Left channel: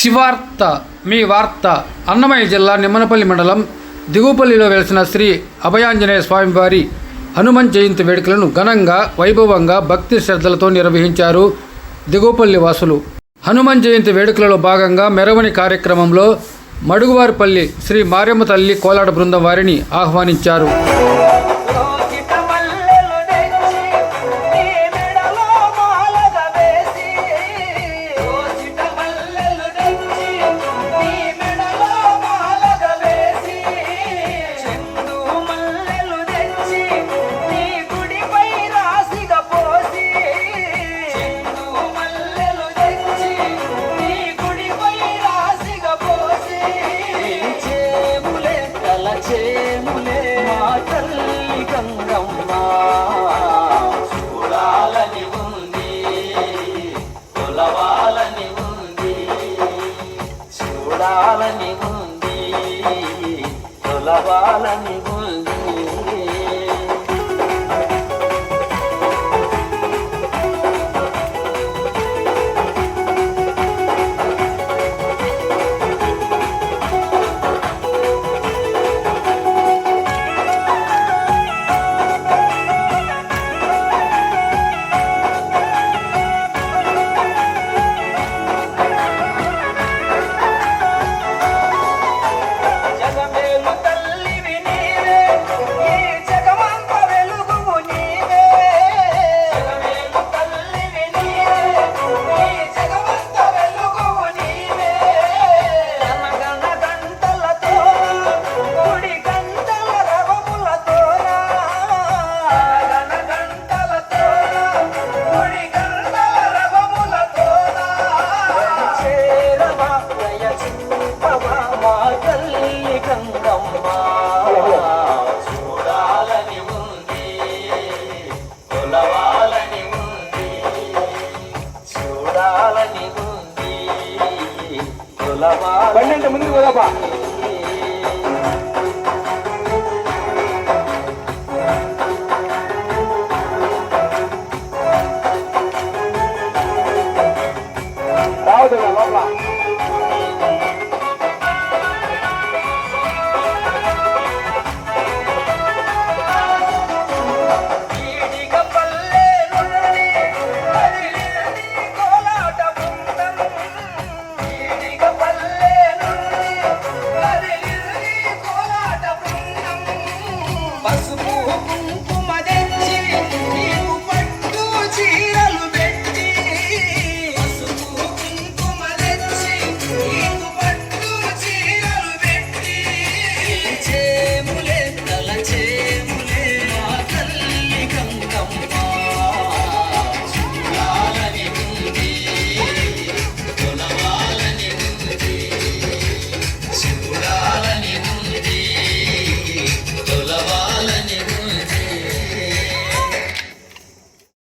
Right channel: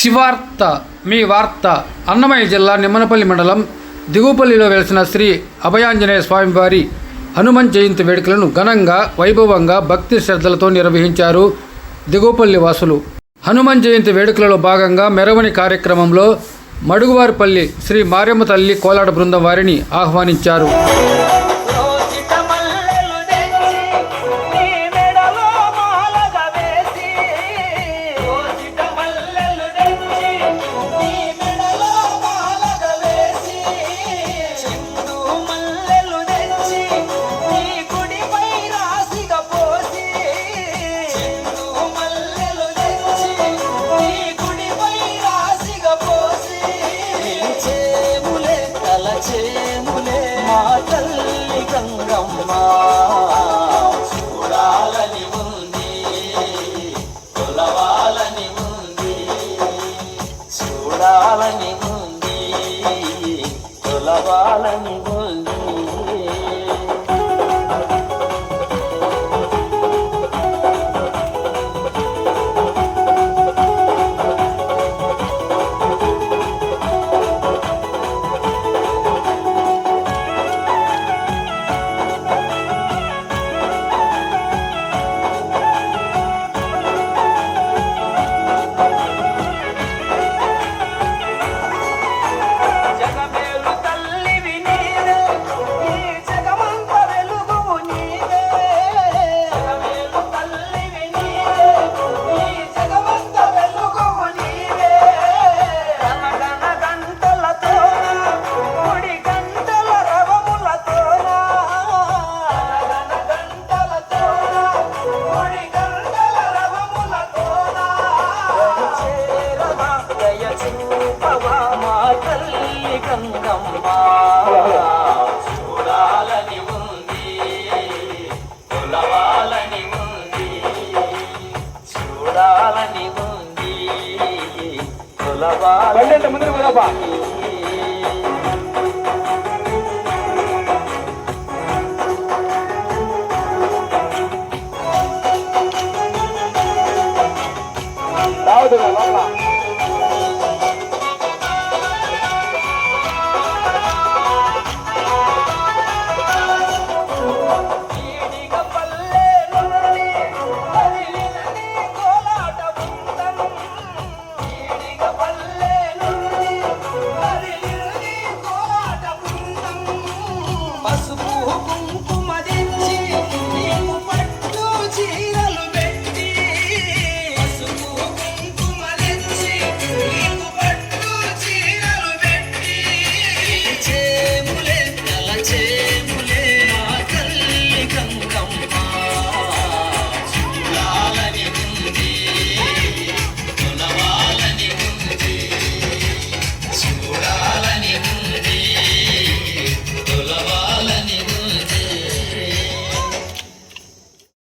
శివార్త మీ వార్త అన్నమయ్య జిల్లా నిమ్మనపల్లి మండలం దిగుపల్లిలో వెలిసిన శ్రీ అభయాంజనేయ స్వామివారి హనుమన్ జయంతి వేడుకలను ఘనంగా వైభవంగా భక్తి శ్రద్ధలతో నిర్వహించారు దిగుపల్లి వాసులు. హనుమన్ జయంతి వేడుకలలో భాగంగా మెరవని కార్యక్రమంలో మడుగువారిపల్లి శ్రీ మారియమ్మ తల్లి కోలాట బృందం వారిని ఆహ్వానించారు. చూడాలని ఉంది తొలవాలని ఉంది. చూడాలని ఉంది తొలవాలని ఉంది చూడాలని ఉంది తొలవాలని ముందు రావద్దు